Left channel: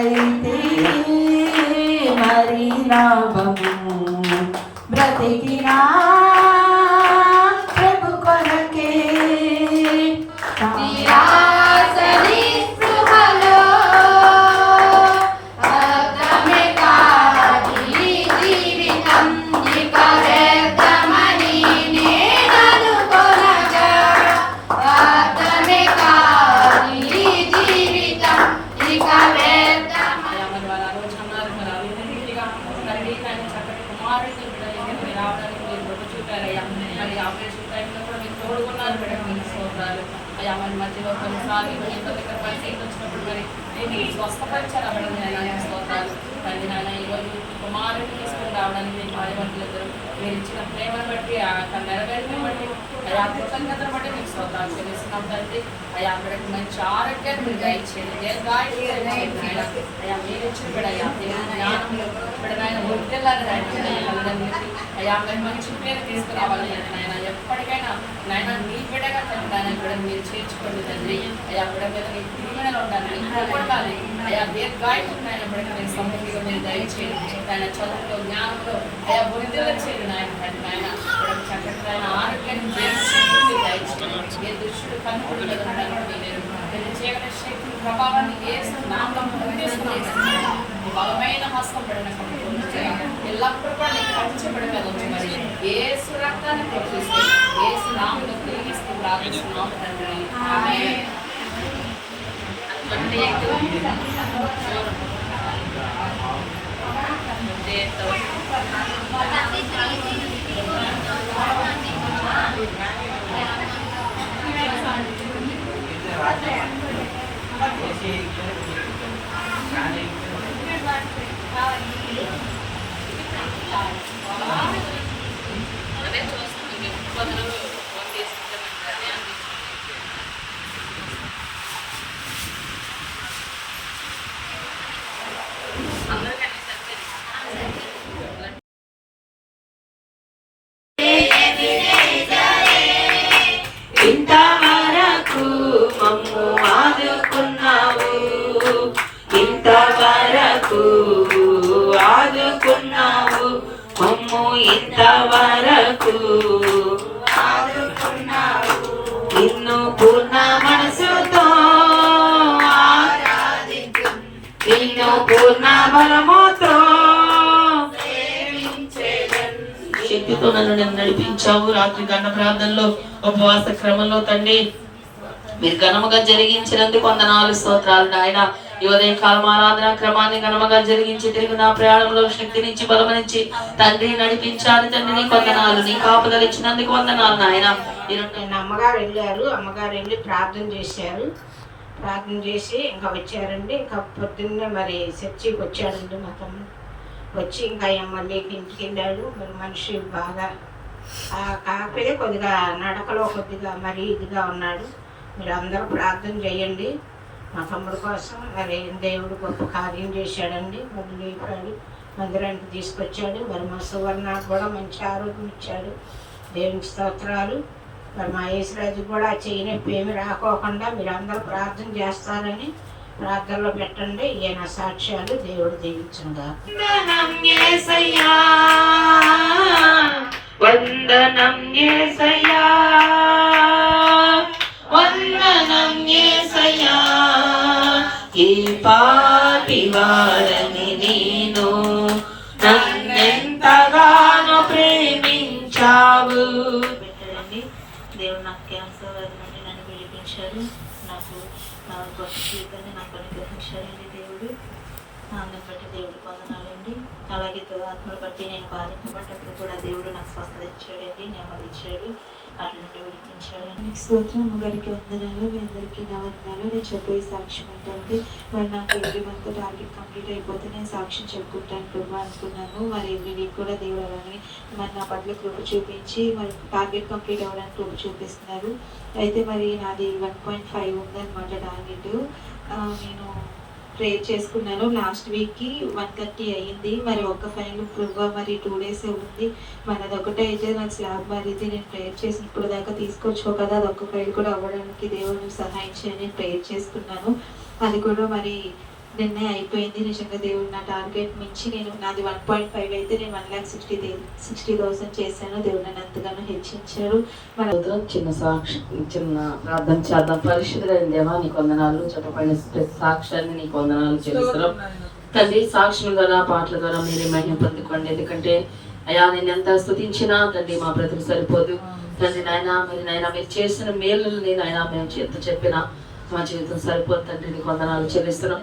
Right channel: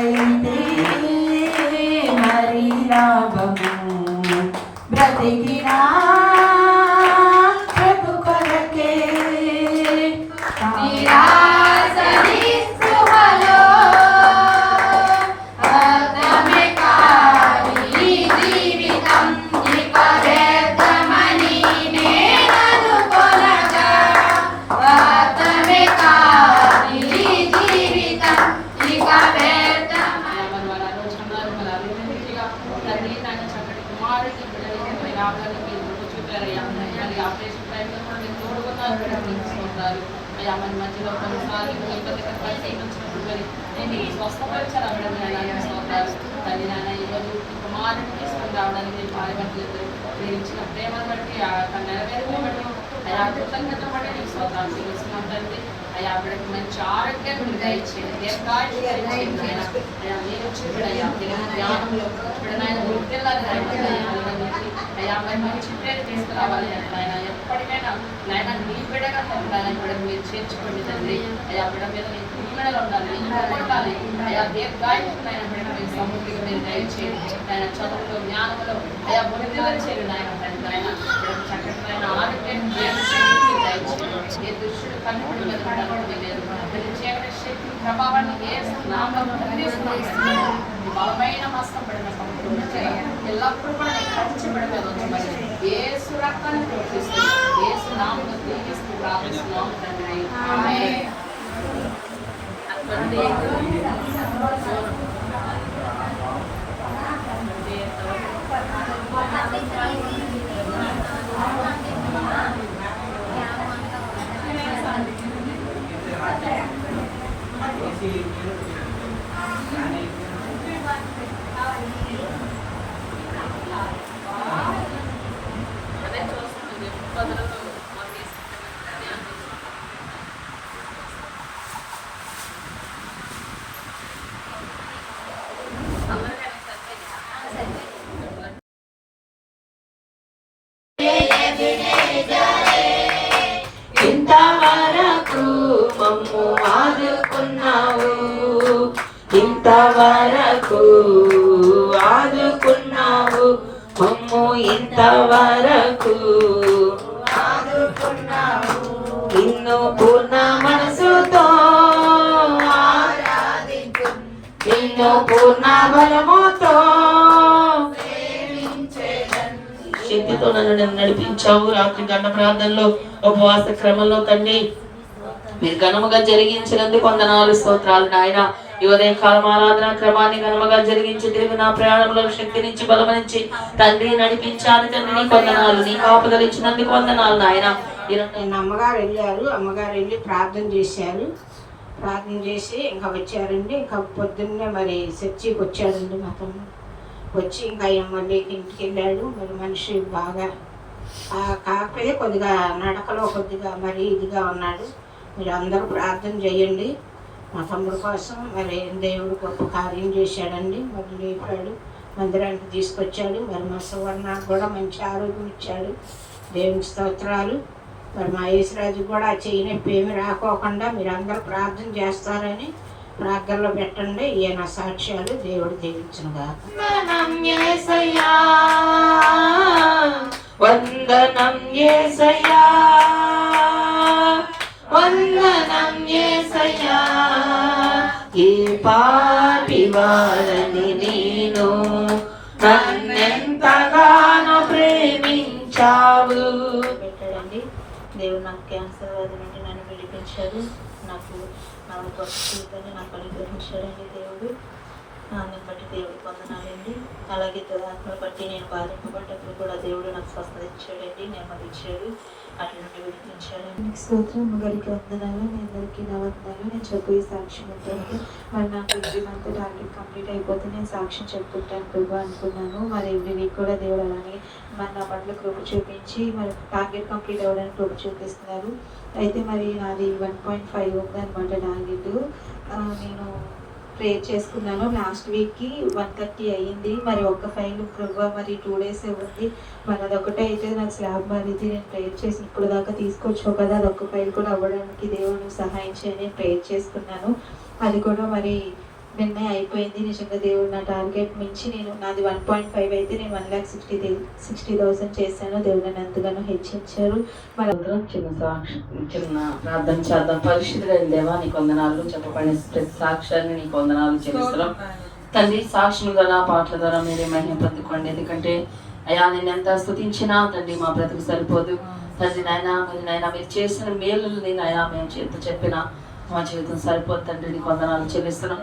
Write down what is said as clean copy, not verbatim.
అయితే మరి లాభము బ్రతికినా ప్రభు కొరకే రావడానికి చూపారయ్యా. మరి ఆపరేషన్ టైంలో కూడా మీరు తోడుకున్నారు మేడం, తీసుకోవాలి అయ్యా. మరి మధ్యలో కొన్నిసార్లు ఇబ్బందికర పరిస్థితులు వచ్చినప్పుడు మరి నేను స్వస్థపరిచారు అవ్వడం స్తోత్రాలు తల్లి. నాయన ఈరోజు కుమారుడిని తీసుకుని రావడానికి భార్యభర్తలు మీరు ఇచ్చిన ప్రేమను బట్టి నెరవేరుని బట్టి అయ్యా కృతజ్ఞతను బట్టి మీకు స్తోత్రాలు చెల్లిస్తున్నాం తండ్రి. అయ్యా అక్కడికి మంచి ఆరోగ్యాన్ని మీరు దయచేయండి, అయ్యా మీరు ఇచ్చిన బిడ్డయ్యా జ్ఞానంలో బిడ్డనైనా వృద్ధులని తల్లిదండ్రులకి అయ్యా మరి మంచి పేరు తీసుకురావాలి నాయన. ఎప్పటికైనా నాయన నీ బిడ్డగా తండ్రి నాయన బిడ్డను మీరు చేర్చుకోండి తండ్రి. అయ్యా బిడ్డ మీద నీ దీవెనలు ఉండాలి, పొందాలి అయ్యా. దీర్ఘాయువు నాయన బిడ్డను మీరు సమృద్ధిగా మీరు దయచేయండి నాయన. చదువులో జ్ఞానంలో అయ్యా వృద్ధులు చేయండి నాయన తండ్రి నాయన. బిడ్డకు చక్కటి నాయన ఆరోగ్యాన్ని జయించండి మీరు దయచేయండి. ఏ దుష్టుడు కన్నుపడి మీద ఉండడానికి మీరు పెళ్లి చేయగల శక్తి ప్రభావాన్ని ఏ నామం బలమైన హస్తం పడిన కమ్ముకున్నట్టుగా ఎల్లప్పుడూ కూడా నేను కంచెపడి మీద ఉంచమని యేసు రక్తాన్ని ప్రోత్సహిస్తూ యేసు నామములో దీవిస్తూ ప్రార్థిస్తున్నాము తండ్రి. ఆమేన్. ఇంతవరకు మమ్ము ఆదుకున్నావు, ఇంతవరకు ఆదుకున్నావు మమ్ము, ఇంతవరకు ఆదుకున్నావు. నిన్ను పూర్ణ మనసుతో ఆరాధించు, నిన్ను పూర్ణ బలముతో శక్తితో నన్ను నడిపించావు. రాత్రి గన్న ప్రార్థనలో ఉపవాస క్రమంలో తండ్రి మీరు ఘనముగా జరిగించినందుకు వందనాలు స్తోత్రాలు నాయన. ఈ ఉదయం కాలం ఆరాధన క్రమాన్ని ఘనముగా జరిగించి తిరిగి నా ప్రయాణంలో శక్తినిచ్చి బలమనిచ్చి తండ్రి నడిపించాలి తండ్రి. నీ వందనాలు, నీ కాపుదలు ఇచ్చినందుకు వందనాలు నాయన. అమ్మగారు వెళ్ళారు, అమ్మగారు వెళ్ళి ప్రార్థన చేశారు, ప్రార్థన చేసి ఇంకా వచ్చారండి. ఇంకా పొద్దున్నే మరి చర్చికి వచ్చాడండి మా తమ్ముడు. వచ్చి ఇంకా మళ్ళీ ఇంటికి వెళ్ళాడు. మరి మనిషి బాగా కాకపోతే కొద్దిగా నడకలో కొద్దిగా మరి ఇదిగా ఉన్నాడు. మీరు అందరూ ప్రార్థన చేయండి మా తమ్ముడు కోసం. మరి దేవుడు గొప్ప కార్యం చేశాడండి. మరి లేపాడు, మందిరానికి తీసుకొచ్చాడు. మరి మా సువర్ణకు కూడా మంచి ఆరోగ్యం ఇచ్చాడు, దేవునికి స్తోత్రాలు. మరి మా యేసురాజుకి కూడా చెయ్యి నొప్పి ఏమి రాకోకుండా మీరు అందరూ ప్రార్థన చేస్తారని ప్రార్థనలో పెట్టండి. ఈయన సాక్ష్యాలు దేవుడు దీవించుగా. వందనం యేసయ్యా, వందనం యేసయ్యా, ఏ పాపి వారని నేను నన్నెంతగానో ప్రేమించావు. పెట్టాడండి దేవుడు. నాకు క్యాన్సర్ అది నుండి నన్ను విడిపించాడు. నాకు గొప్ప జీవితాన్ని నాకు అనుగ్రహించాడండి దేవుడు. దాన్ని బట్టి దేవుడికి వందనాలండి. అలాగే ఆత్మను బట్టి నేను బాధింపబడ్డప్పుడు కూడా దేవుడు నాకు స్వస్థత ఇచ్చాడండి, నెమ్మది ఇచ్చాడు, అటు నుండి విడిపించాడండి. స్తోత్రం. అమ్మగారికి వందనాలు, మీ అందరికీ నా వందనాలు. నేను చెప్పే సాక్ష్యం ఏంటంటే మరి నాకు ఎవ్రీ మంత్ టార్గెట్ కంప్లీట్ అయిపోతే నేను సాక్ష్యం చెప్పుకుంటాను కృప అనుకున్నాను. మరి ఎవ్రీ వీక్ కూడా దేవుడు అలానే మరి నా పట్ల కృప చూపించి మరి టార్గెట్ కంప్లీట్ అవ్వడానికి కృప చూపిస్తున్నారు. అయితే మరి నాది 1.5 ఉందన్నమాట టార్గెట్. నేను ప్రే చేసుకున్నాను. లాస్ట్ వీక్కి 1:30 అయ్యింది. మరి ఒక ఫైల్ మరి 2 days ఉంది. మరి అదొకటే అయితే నాకు స్లాబ్ మారితే నేను ప్రేయర్ చేసి ఇప్పుడు దాకా తీసుకొచ్చావు కదా, అదొక ఫైల్ కూడా అవ్వడానికి దేవుడు సహాయం చేయని ప్రేయర్ చేసుకున్నాను. అది కూడా మరి నిన్నే అయిపోయింది. నిజంగా దేవుడు నా టార్గెట్ మించి నాది 1.5 అయితే నేను 1,60,000 చేశాను. దేవుడు నన్ను ఎంతగానో హెచ్చించాడు. చిన్న ప్రార్థన చేద్దాం. పరిశుద్ధులైన దేవా నీకు వందనాలు, చెప్పబడిన ప్రతి సాక్ష్యాన్ని నీకు వందనాలు చెల్లిస్తున్నాం తండ్రి. సాక్ష్యం ద్వారా పాటల ద్వారా మీరే మహిమ పొందుకోండి. ఎందుకంటే అయ్యా నేను ఎంత స్తుతించినా తండ్రి మా బ్రతుకు సరిపోదు తండ్రి. నాయన మీరు చేసిన మేలుని నాయన మేము చేత చెప్పినా మా జీవితం సరిపోదు తండ్రి. నీకు వందనాలు చెల్లిస్తున్నాం.